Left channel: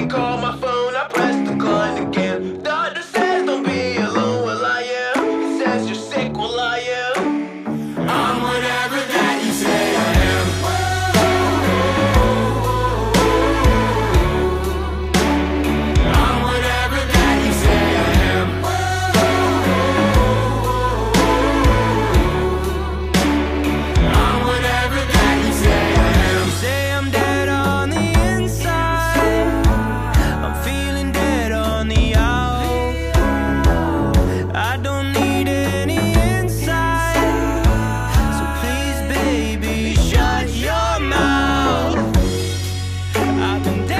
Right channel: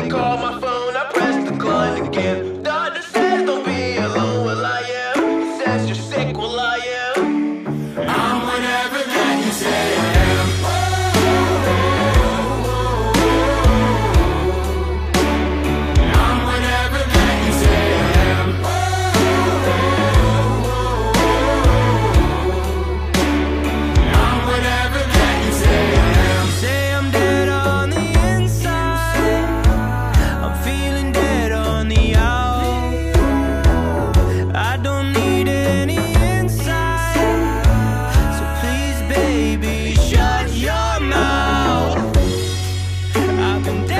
they call my phone, I press decline again. Doctor says don't be alone, well I am. He says you're sick, well I am. I'm whatever that you say I am. I'm whatever that you say I am. I'm whatever that you say I am. You say I'm dead on the inside, I'm feeling dead on the out. I don't need any insight, so please baby shut your mouth. I've been dead